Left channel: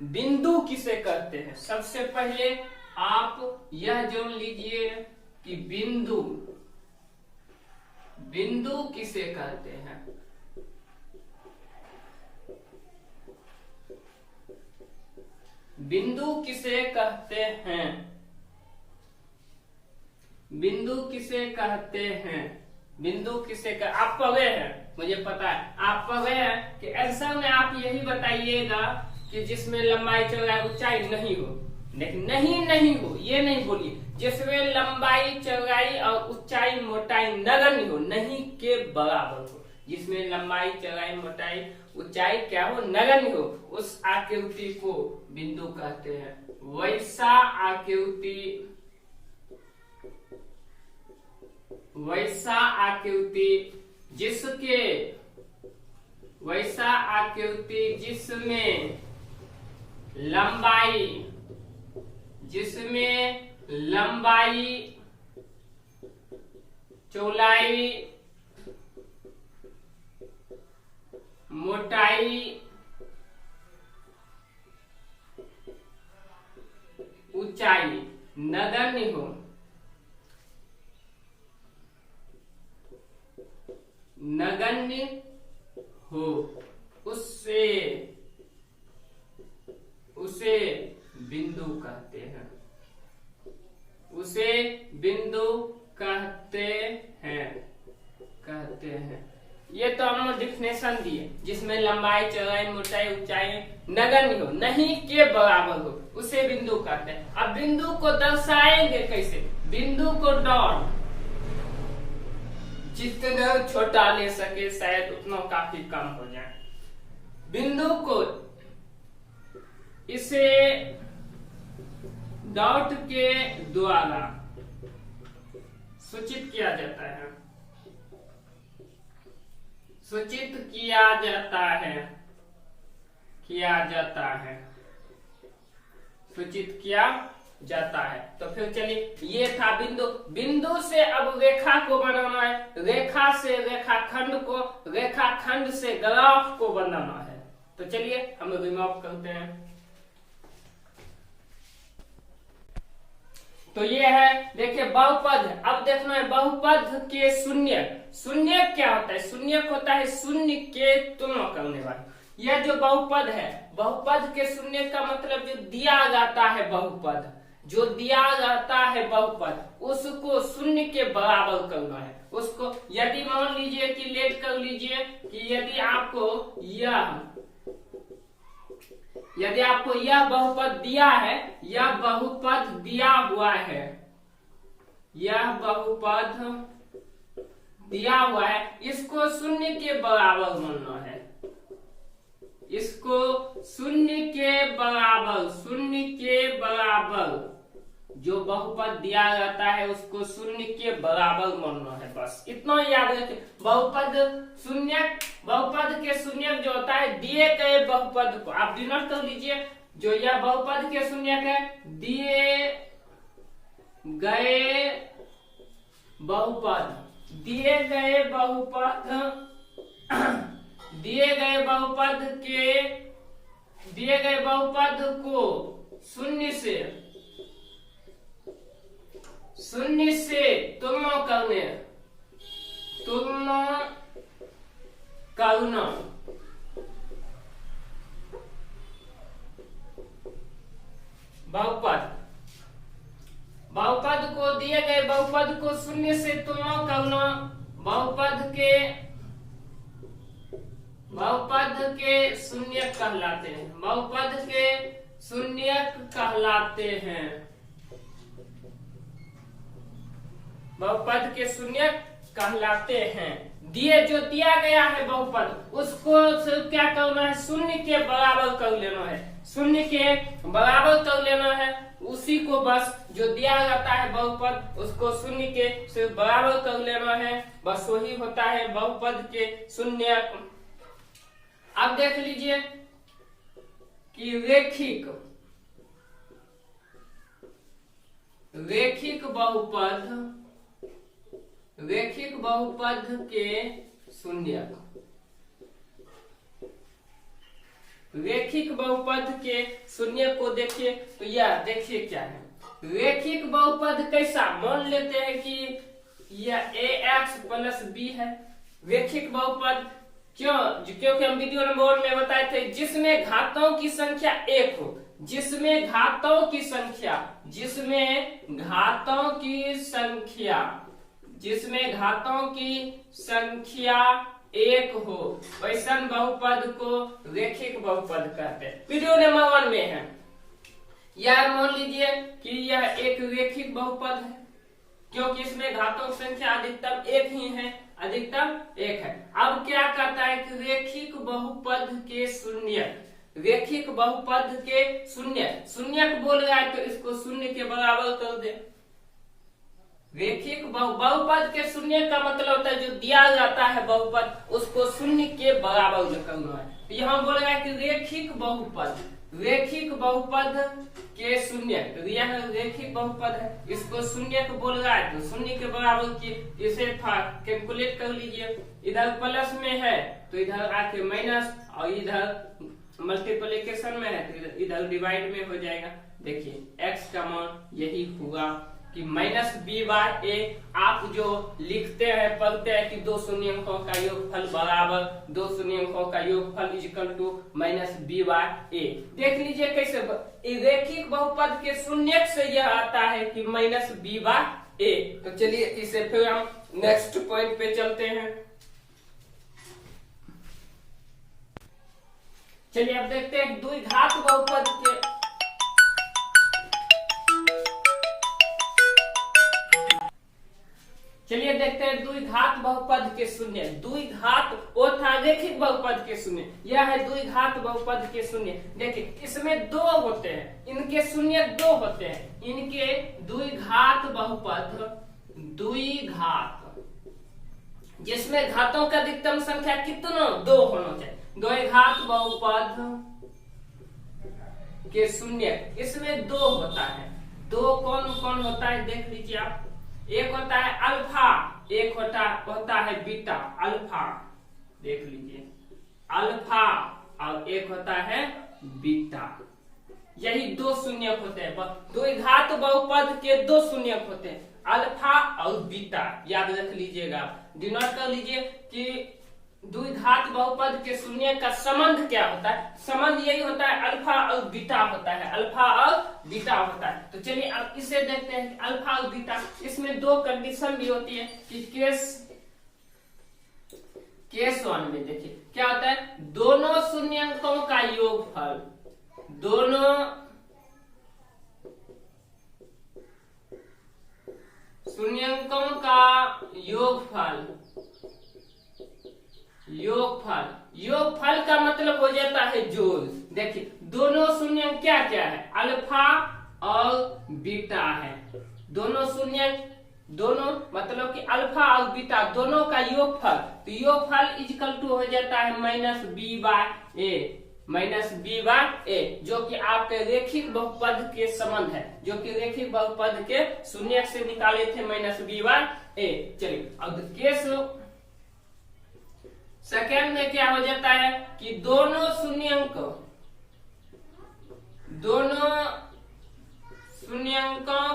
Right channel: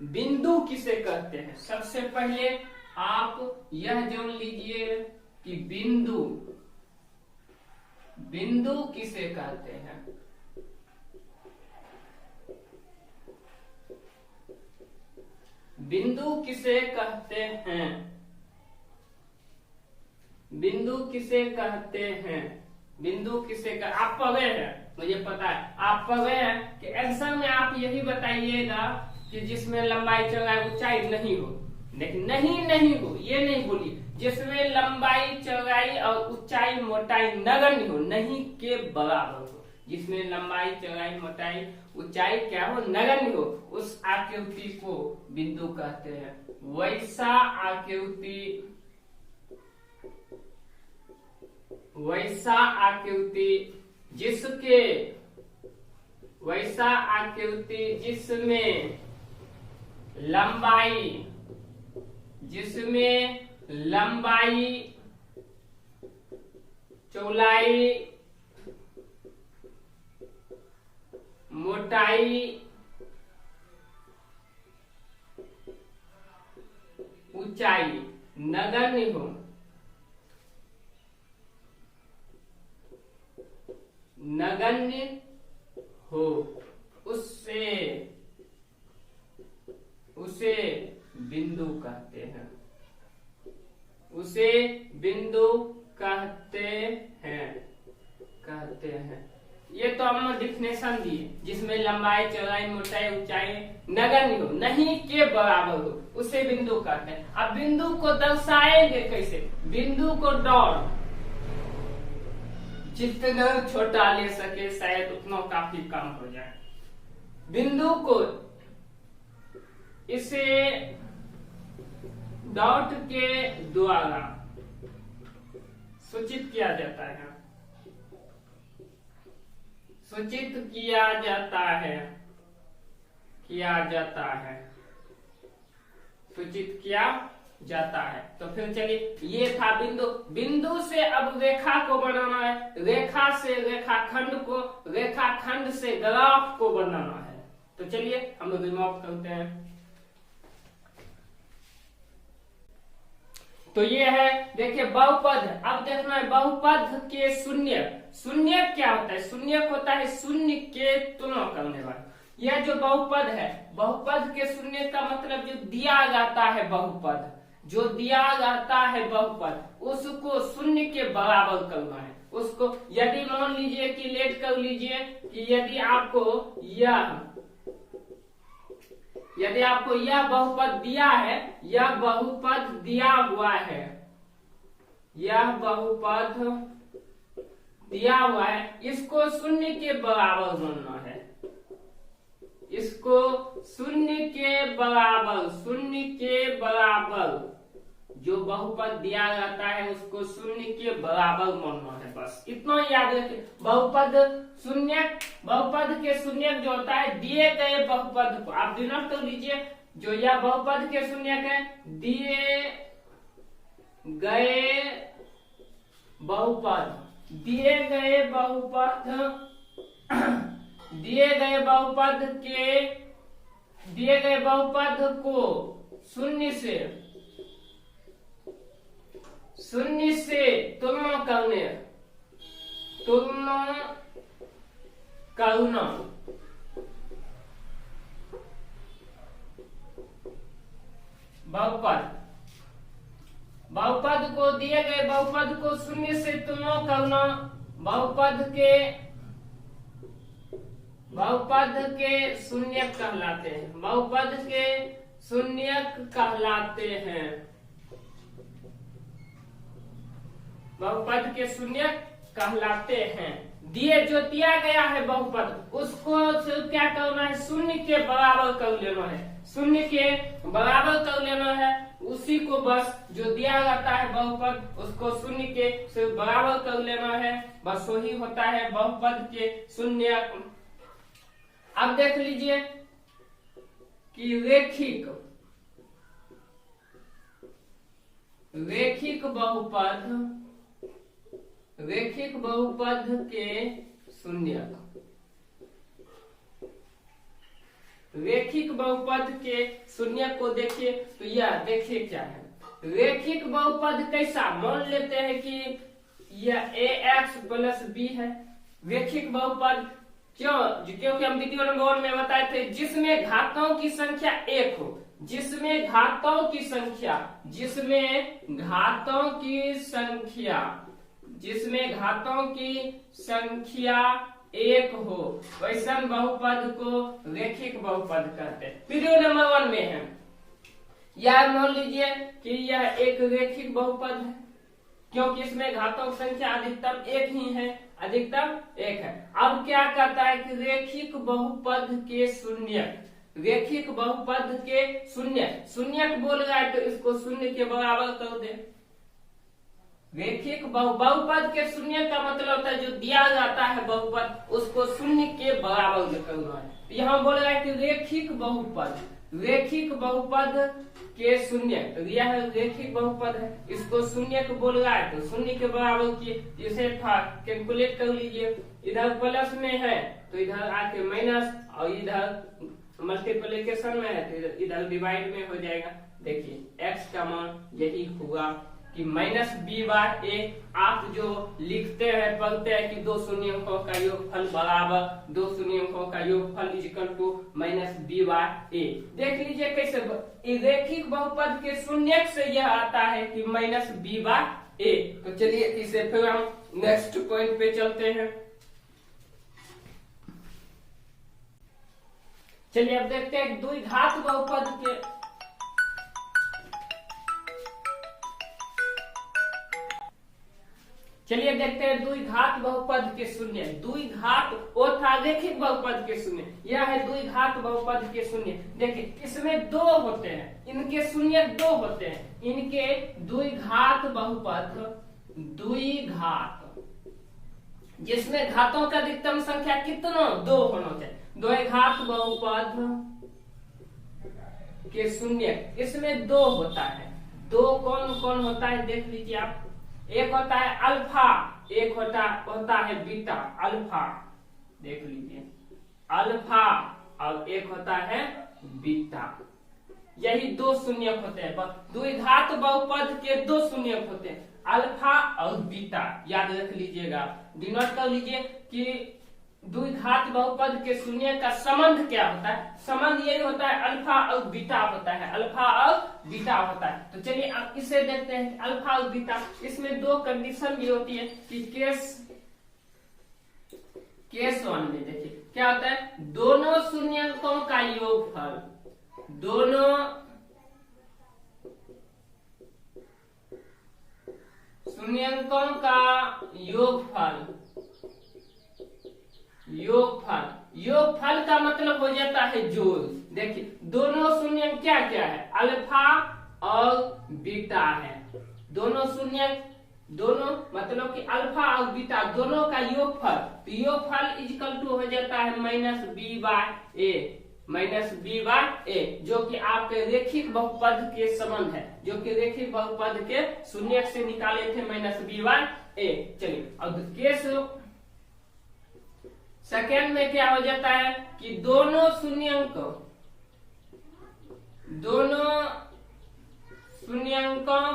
बिंदु किसे कहते हैं? सबसे पहले आप यह जान लीजिए कि बिंदु किसे कहते हैं। बिंदु किसे कहते हैं? बिंदु किसे कहते हैं? बिंदु किसे आप पढ़े हैं, मुझे पता है आप पढ़े हैं कि आंसर में आप यही बताइएगा कि जिसमें लंबाई चौड़ाई ऊंचाई नहीं हो। लेकिन नहीं हो ये नहीं बोलिए, जिसमें लंबाई चौड़ाई और ऊंचाई मोटाई नगण्य हो, नहीं के बराबर हो। जिसमें लंबाई चौड़ाई मोटाई ऊंचाई क्या हो? नगण्य हो, उस आकृति को बिंदु कहते हैं। वैसा आकृति जिसमें लंबाई चौड़ाई मोटाई ऊंचाई नगण्य हो, उसे बिंदु कहते हैं। उसे बिंदु कहते हैं। ये तो हम डिफिनेशन दिए, जिसमें लंबाई चौड़ाई मोटाई ऊंचाई नगण्य हो, नहीं के बराबर हो, उसे बिंदु कहते हैं। अब बिंदु को दर्शाएंगे कैसे? बिंदु को डॉट जितना छोटा ले सके शायद उतना काफी कम हो जाए। बिंदु को इसे डॉट के द्वारा सूचित किया जाता है। तो फिर चलिए, ये था बिंदु से अब रेखा को बनाना है, रेखा से रेखाखंड को, रेखाखंड से ग्राफ को बनाना है। तो चलिए हम रिमूव करते हैं। तो ये है, देखिए बहुपद। अब देखना है बहुपद के शून्य क्या होता है? शून्य होता है शून्य के तुलना करने वाला। यह जो बहुपद है, बहुपद के शून्य का मतलब जो दिया जाता है बहुपद, उसको शून्य के बराबर करना है। उसको यदि मान लीजिए कि लेट कर लीजिए कि यदि आपको यह बहुपद दिया है, यह बहुपद दिया हुआ है, इसको शून्य के बराबर मानना है। इसको शून्य के बराबर जो बहुपद दिया जाता है उसको शून्य के बराबर मानना है। बस इतना याद रखिए। बहुपद के शून्यक जो होता है दिए गए बहुपद को आप डिनोट कर लीजिए। जो यह बहुपद के शून्यक है, दिए गए बहुपद को शून्य से तुलना करना बहुपद को दिए गए बहुपद को शून्य से तुलना करना बहुपद के शून्यक कहलाते हैं। बहुपद के शून्यक कहलाते हैं। जो दिया गया है बहुपद उसको क्या करना है? शून्य के बराबर कर लेना है। शून्य के बराबर कर लेना है, उसी को बस जो दिया जाता है बहुपद उसको शून्य के सिर्फ बराबर कर लेना है। बस वही होता है बहुपद के शून्य। अब देख लीजिए कि रेखिक बहुपद के शून्यक। रेखिक बहुपद के शून्य को देखिए तो यह देखिए क्या है। रेखिक बहुपद कैसा, मान लेते हैं कि यह ax प्लस बी है। रेखिक बहुपद क्यों, क्योंकि हम वीडियो नंबर 1 में बताए थे जिसमें घातों की संख्या एक हो, जिसमें घातों की संख्या एक हो, वैसन बहुपद को रेखिक बहुपद कहते हैं। वीडियो नंबर 1 में है। यह मान लीजिए कि यह एक रेखिक बहुपद है क्योंकि इसमें घातों की संख्या अधिकतम एक ही है, अधिकतम एक है। अब क्या कहता है कि रेखिक बहुपद के शून्य, रेखिक बहुपद के शून्य बोल रहा है तो इसको शून्य के बराबर कर दे। रेखिक बहुपद के शून्य का मतलब होता है जो दिया जाता है बहुपद उसको शून्य के बराबर करना है। तो यहाँ बोल रहा है कि रेखिक बहुपद के शून्य, यह रेखिक बहुपद है, इसको शून्य को बोल रहा है तो शून्य के बराबर किए। इसे कैलकुलेट कर लीजिए। इधर प्लस में है तो इधर आके माइनस, और इधर मल्टीप्लिकेशन में है तो इधर डिवाइड में हो जाएगा। देखिए x का मान यही हुआ कि माइनस बी बार ए। आप जो लिखते हैं पढ़ते हैं कि दो शून्यंकों का योगफल बराबर दो शून्यंकों का योगफल इक्वल टू माइनस बी बार ए। देख लीजिए कैसे रेखिक बहुपद के शून्य से यह आता है कि माइनस बी बार ए। तो चलिए इसे फिर हम नेक्स्ट पॉइंट पे चलते हैं। चलिए अब देखते हैं द्विघात बहुपद के। चलिए देखते हैं द्विघात बहुपद के शून्य। द्विघात वो था रेखिक बहुपद के शून्य, यह है द्विघात बहुपद के शून्य। देखिए इसमें दो होते हैं, इनके शून्य दो होते हैं। इनके द्विघात बहुपद, द्विघात जिसमें घातों का अधिकतम संख्या कितना दो होना चाहिए। द्विघात बहुपद के शून्य इसमें दो होता है। दो कौन कौन होता है देख लीजिए आप। एक होता है अल्फा, एक होता है बीटा। अल्फा देख लीजिए, अल्फा, और एक होता है बीटा। यही दो शून्यक होते हैं। द्विघात बहुपद के दो शून्यक होते हैं, अल्फा और बीटा। याद रख लीजिएगा, डिनोट कर लीजिए कि द्विघात बहुपद के शून्य का संबंध क्या होता है। संबंध यही होता है अल्फा और बीटा होता है, अल्फा और बीटा होता है। तो चलिए अब इसे देखते हैं अल्फा और बीटा। इसमें दो कंडीशन भी होती है कि केस 1 में देखिए क्या होता है, दोनों शून्यंकों का योगफल, दोनों शून्यंकों का योगफल का मतलब हो जाता है जोड़। देखिए दोनों शून्य क्या क्या है, अल्फा और बीटा है। दोनों शून्य, दोनों मतलब कि अल्फा और बीटा दोनों का योगफल, तो योगफल इक्वल टू हो जाता है माइनस बी बाय ए, माइनस बी बाय ए, जो कि आपके रेखिक बहुपद के संबंध है, जो कि रेखिक बहुपद के शून्य से निकाले थे माइनस बी बाय ए। चलिए अब केस सेकेंड में क्या हो जाता है कि दोनों शून्यंकों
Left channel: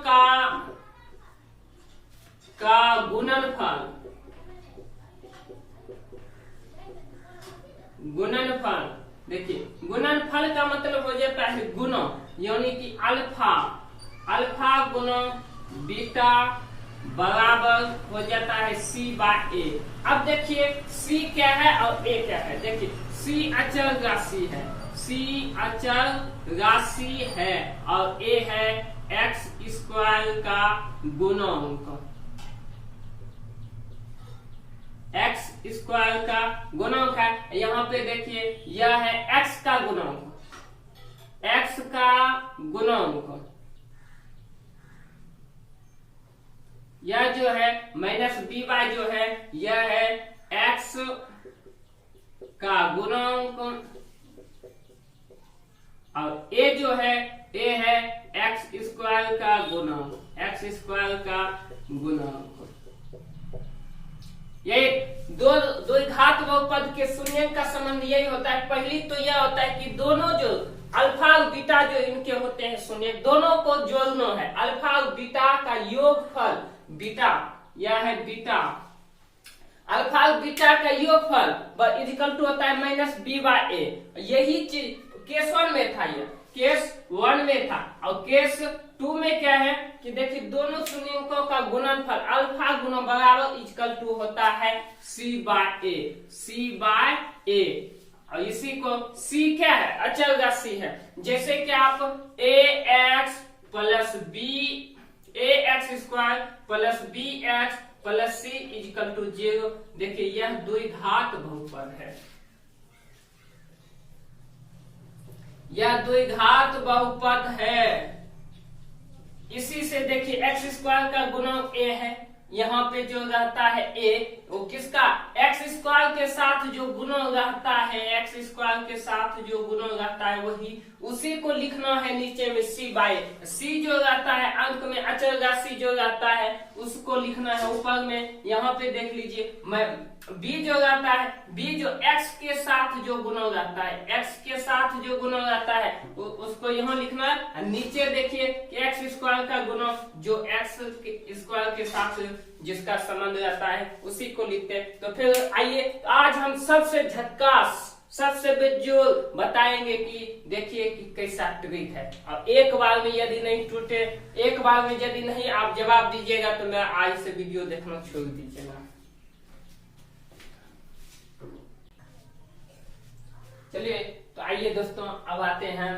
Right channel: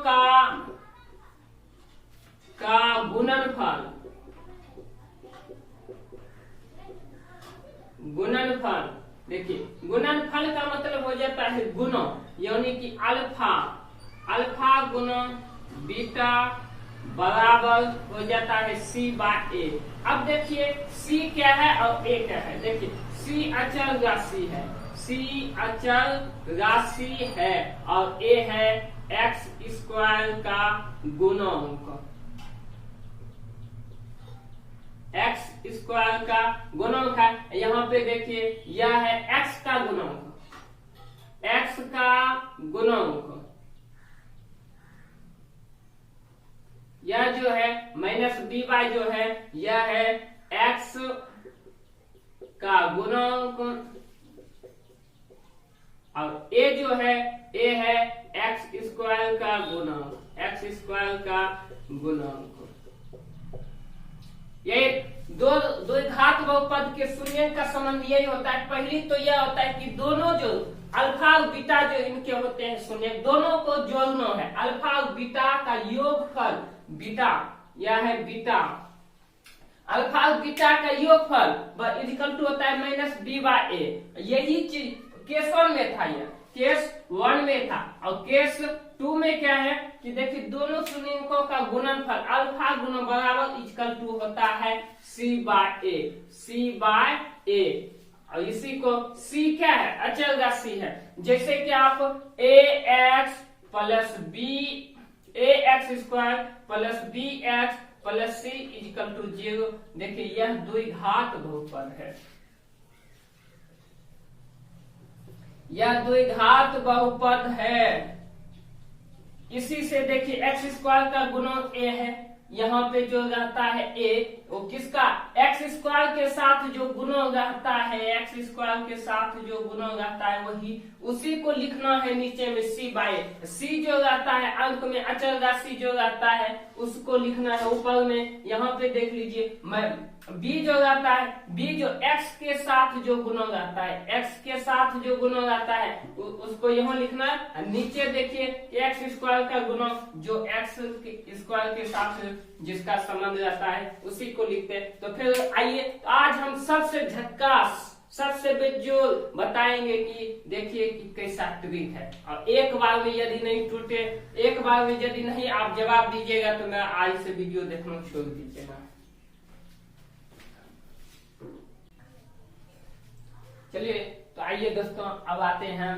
का गुणनफल। देखिए गुणनफल का मतलब हो जाता है गुणा, यानी कि अल्फा गुना बीटा बराबर हो जाता है सी बाय ए। अब देखिए सी क्या है और ए क्या है। देखिए सी अचल राशि है, सी अचल राशि है और ए है एक्स स्क्वायर का गुणांक, एक्स स्क्वायर का गुणांक है। यहाँ पे देखिए यह है एक्स का गुणांक, एक्स का गुणांक। यह जो है माइनस बी वाई जो है यह है एक्स का गुणांक, और ए जो है ए है एक्स स्क्वायर का गुणांक, एक्स स्क्वायर का गुणांक। ये दो घात बहुपद के शून्य का संबंध यही होता है। पहली तो यह होता है कि दोनों जो अल्फा और बीटा जो इनके होते हैं शून्य, दोनों को जोड़ना है। अल्फा और बीटा का योगफल, बीटा यह है बीटा, अल्फा और बीटा का योगफल इक्वल टू होता है माइनस बी बाय ए। यही चीज केस 1 में था, यह केस 1 में था। और केस 2 में क्या है कि देखिए दोनों शून्यकों का गुणनफल अल्फा गुना बराबर इक्वल टू होता है सी बाय ए, सी बाय ए। और इसी को सी क्या है, अचल राशि है। जैसे कि आप A X plus B, A X square plus B X plus C equal to 0। देखिए यह द्विघात बहुपद है, यह द्विघात बहुपद है। इसी से देखिए एक्स स्क्वायर का गुणक ए है, यहाँ पे जो रहता है ए, वो किसका, एक्स स्क्वायर के साथ जो गुणक रहता है, एक्स स्क्वायर के साथ जो गुणक रहता है वही उसी को लिखना है नीचे में सी बाय। सी जो रहता है अंक में अचल राशि जो रहता है उसको लिखना है ऊपर में। यहाँ पे देख लीजिए बी जो रहता है, बी जो एक्स के साथ जो गुणक रहता है, एक्स के साथ जो गुणक रहता है उसको यहाँ लिखना है। नीचे देखिए एक्स स्क्वायर का गुणक जो एक्स स्क्वायर के साथ जिसका संबंध रहता है उसी को लिखते हैं। तो फिर आइए आज हम सबसे झक्कास, सबसे बेजोल बताएंगे कि देखिए कि कैसा ट्रिक है। और एक बार में यदि नहीं टूटे, एक बार में यदि नहीं आप जवाब दीजिएगा तो मैं आज से वीडियो देखना छोड़ दीजिएगा। चलिए तो आइए दोस्तों अब आते हैं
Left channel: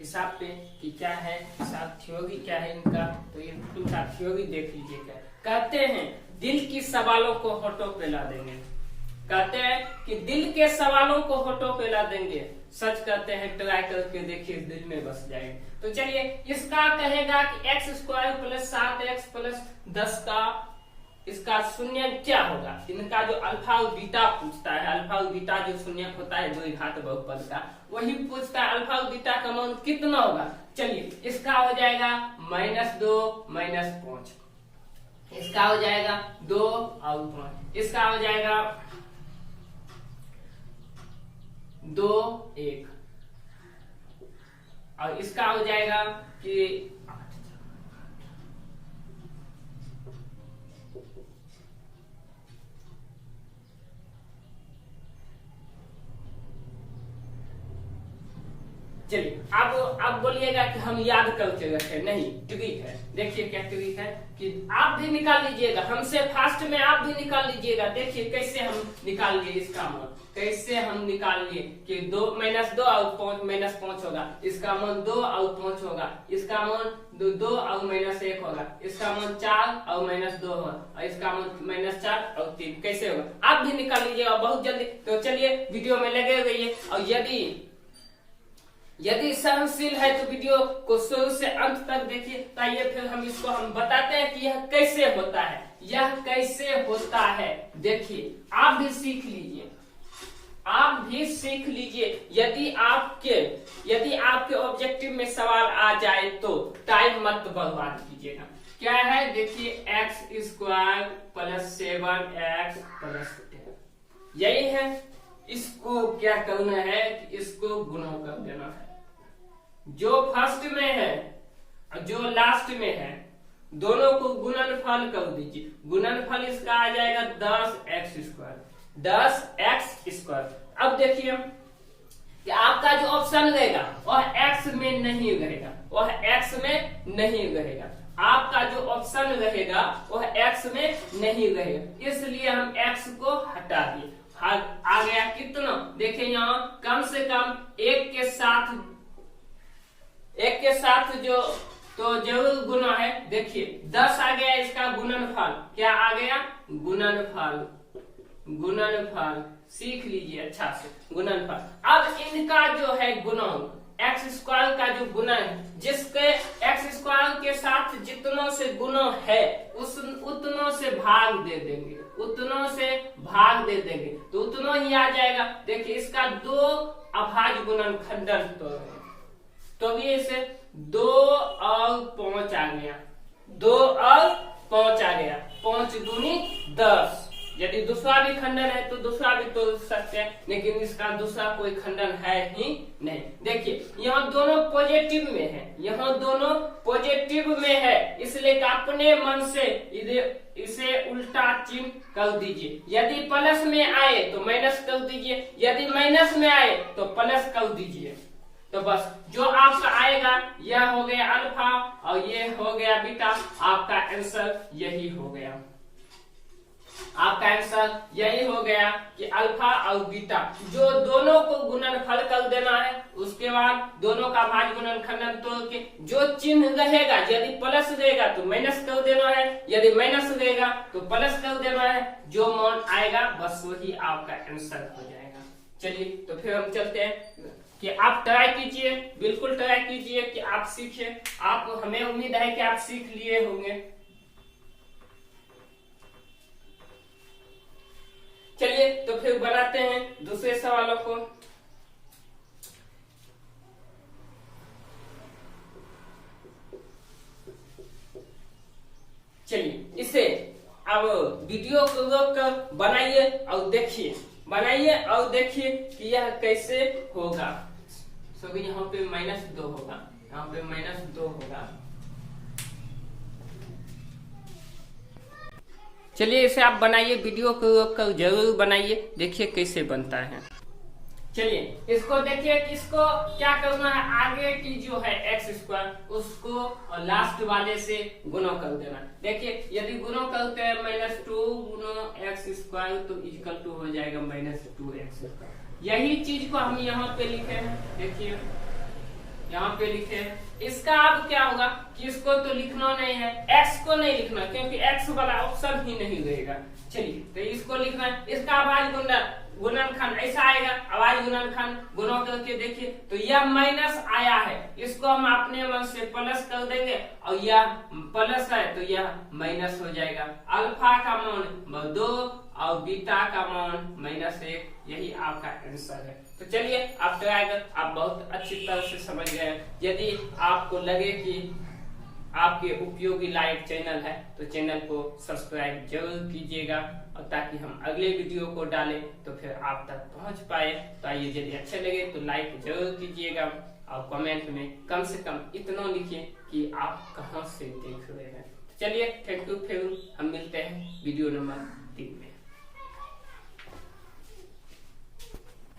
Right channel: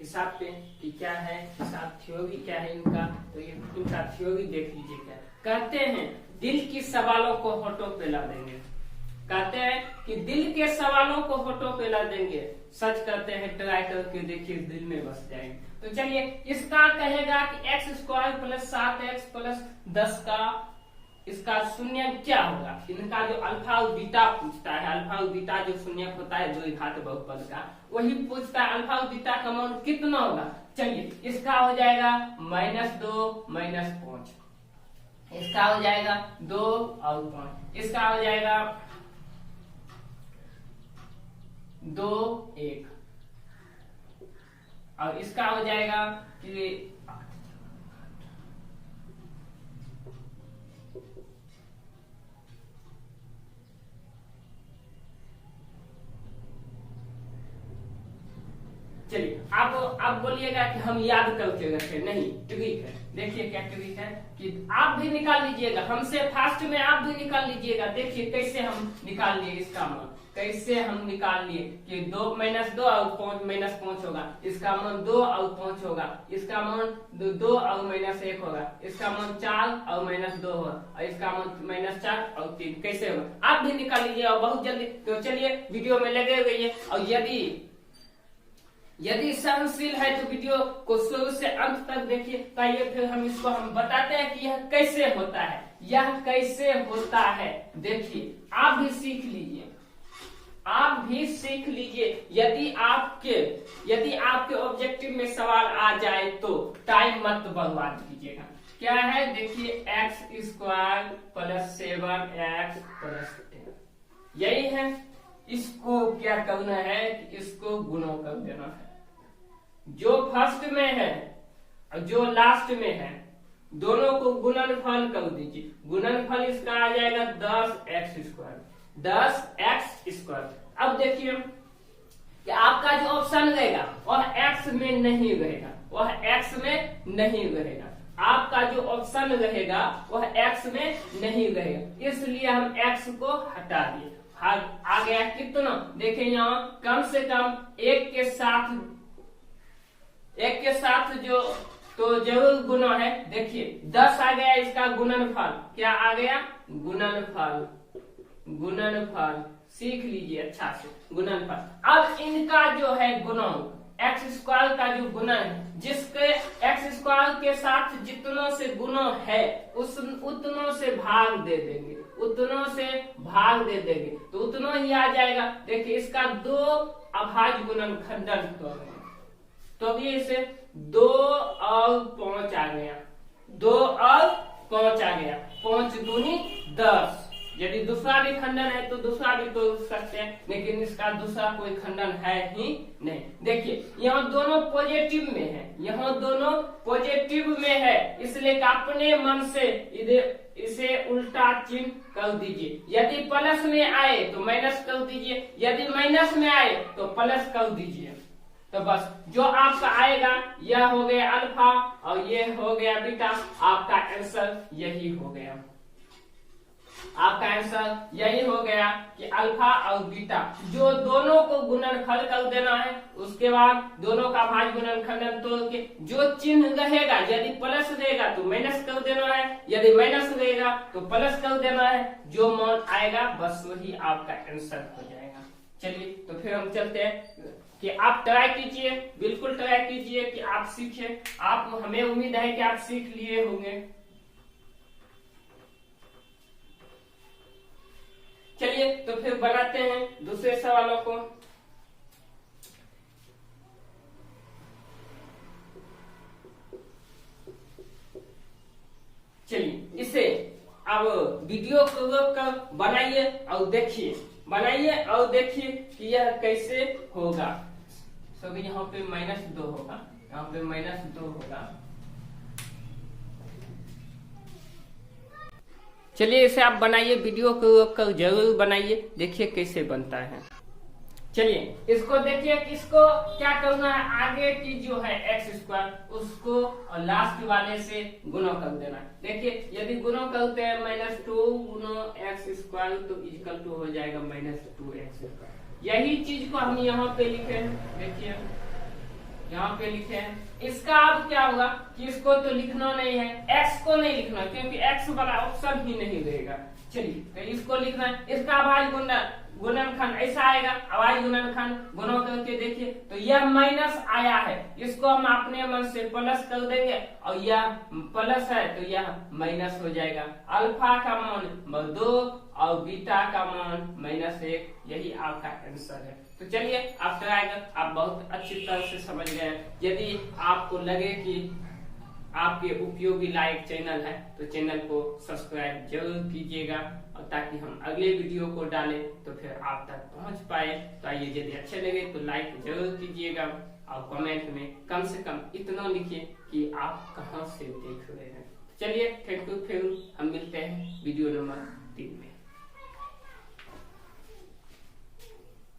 हिसाब पे कि क्या है हिसाब, थ्योरी क्या है इनका। तो इनका थ्योरी देख लीजिए। क्या कहते हैं, दिल की सवालों को होठों पे ला देंगे। कहते हैं कि दिल के सवालों को होठों पे ला देंगे, सच कहते हैं ट्राई करके देखिए दिल में बस जाएंगे। तो चलिए इसका कहेगा कि x square plus 7x plus 10 का इसका शून्य क्या होगा। इनका जो अल्फा और बीटा पूछता है, अल्फा और बीटा जो शून्य होता है द्विघात बहुपद का, वही पूछता है अल्फा और बीटा का मान कितना होगा। चलिए इसका हो जाएगा -2 -5, इसका हो जाएगा 2 और 5, इसका हो जाएगा 2 1, और इसका हो जाएगा कि चलिए आप बोलिएगा कि हम याद करके रखें, नहीं ट्रिक है। देखिए क्या ट्रिक है कि आप भी निकाल लीजिएगा, हमसे फास्ट में आप भी निकाल लीजिएगा। देखिए कैसे हम निकाल लिए इसका मान, कैसे हम निकाल लिए कि 2 -2 और 5 -5 होगा, इसका मान 2 और 5 होगा, इसका मान 2 और -1 होगा, इसका मान 4 और -2 होगा, और इसका मान -4 और 3। कैसे होगा आप भी निकाल लीजिएगा बहुत जल्दी। तो चलिए वीडियो में लगे रहिए, और यदि सहनशील है तो वीडियो को शुरू से अंत तक देखिए। ताइए फिर हम बताते हैं कि यह कैसे होता है, यह कैसे होता है। देखिए आप भी सीख लीजिए, आप भी सीख लीजिए। यदि आपके ऑब्जेक्टिव में सवाल आ जाए तो टाइम मत बर्बाद कीजिएगा। क्या है देखिए x square plus 7x plus 10, यही है। इसको क्या करना है कि इसको गुणा कर देना है। जो फर्स्ट में है और जो लास्ट में है दोनों को गुणनफल कर दीजिए। गुणनफल इसका आ जाएगा 10x स्क्वायर, 10x स्क्वायर। अब देखिए कि आपका जो ऑप्शन रहेगा वह x में नहीं रहेगा, वह x में नहीं रहेगा। आपका जो ऑप्शन रहेगा वह x में नहीं रहेगा, इसलिए हम x को हटा दिए। आ गया कितना, देखिए यहाँ कम से कम एक के साथ जो तो जरूर गुना है। देखिए 10 आ गया, इसका गुणनफल क्या आ गया, गुणनफल सीख लीजिए अच्छा से, गुणनफल। अब इनका जो है गुणक एक्स स्क्वायर का जो गुना है, जिसके एक्स स्क्वायर के साथ जितनों से गुना है उतनों से भाग दे देंगे, उतनों से भाग दे देंगे तो उतनों ही आ जाएगा। देखिए इसका 2 अभाज्य गुणनखंडन तो भी इसे 2 और 5 आ गया, 2 और 5 आ गया, 5 दूनी 10, यदि दूसरा भी खंडन है तो दूसरा भी तोड़ सकते हैं, लेकिन इसका दूसरा कोई खंडन है ही नहीं। देखिए यहाँ दोनों पॉजिटिव में है, यहाँ दोनों पॉजिटिव में है, इसलिए अपने मन से इसे उल्टा चिन्ह कर दीजिए। यदि प्लस में आए तो माइनस कर दीजिए, यदि माइनस में आए तो प्लस कर दीजिए। तो बस जो आपका आएगा यह हो गया अल्फा और ये हो गया बीटा, आपका आंसर यही हो गया। आपका आंसर यही हो गया कि अल्फा और बीटा, जो दोनों को गुणनफल कर देना है, उसके बाद दोनों का भाज्य गुणनखंडन तोड़ के जो चिन्ह रहेगा, यदि प्लस रहेगा तो माइनस कर देना है, यदि माइनस रहेगा तो प्लस कर देना है, जो मान आएगा बस वही आपका आंसर हो जाएगा। चलिए तो फिर हम चलते हैं कि आप ट्राई कीजिए, बिल्कुल ट्राई कीजिए कि आप सीखे। आप हमें उम्मीद है कि आप सीख लिए होंगे। चलिए तो फिर बनाते हैं दूसरे सवालों को। चलिए इसे अब वीडियो को रोक कर बनाइए और देखिए, बनाइए और देखिए कि यह कैसे होगा। सो यहाँ पे -2 होगा, यहाँ पे -2 होगा। चलिए इसे आप बनाइए, वीडियो को रोक कर जरूर बनाइए, देखिए कैसे बनता है। चलिए इसको देखिए कि इसको क्या करना है, आगे की जो है x² उसको और लास्ट वाले से गुणा कर देना। देखिए यदि गुणा करते हैं -2 गुणा x² तो इक्वल टू हो जाएगा -2x²। यही चीज को हम यहाँ पे लिखे हैं, देखिए यहाँ पे लिखे हैं। इसका अब क्या होगा कि इसको तो लिखना नहीं है, x को नहीं लिखना क्योंकि x वाला ऑप्शन ही नहीं रहेगा। चलिए तो इसको लिखना है, इसका अभाज्य गुणनखंड ऐसा आएगा, अभाज्य गुणनखंड गुणा करके देखिए तो यह माइनस आया है, इसको हम अपने मन से प्लस कर देंगे और यह प्लस है तो यह माइनस हो जाएगा। अल्फा का मान 2 और बीटा का मान -1, यही आपका आंसर है। तो चलिए आप ट्राई कर, आप बहुत अच्छी तरह से समझ गए। यदि आपको लगे कि आपके उपयोगी लायक चैनल है तो चैनल को सब्सक्राइब जरूर कीजिएगा, और ताकि हम अगले वीडियो को डालें तो फिर आप तक पहुंच पाए। तो आइए यदि अच्छे लगे तो लाइक जरूर कीजिएगा और कमेंट में कम से कम इतना लिखिए कि आप कहां से देख रहे हैं। चलिए थैंक यू, फिर हम मिलते हैं वीडियो नंबर 3 में।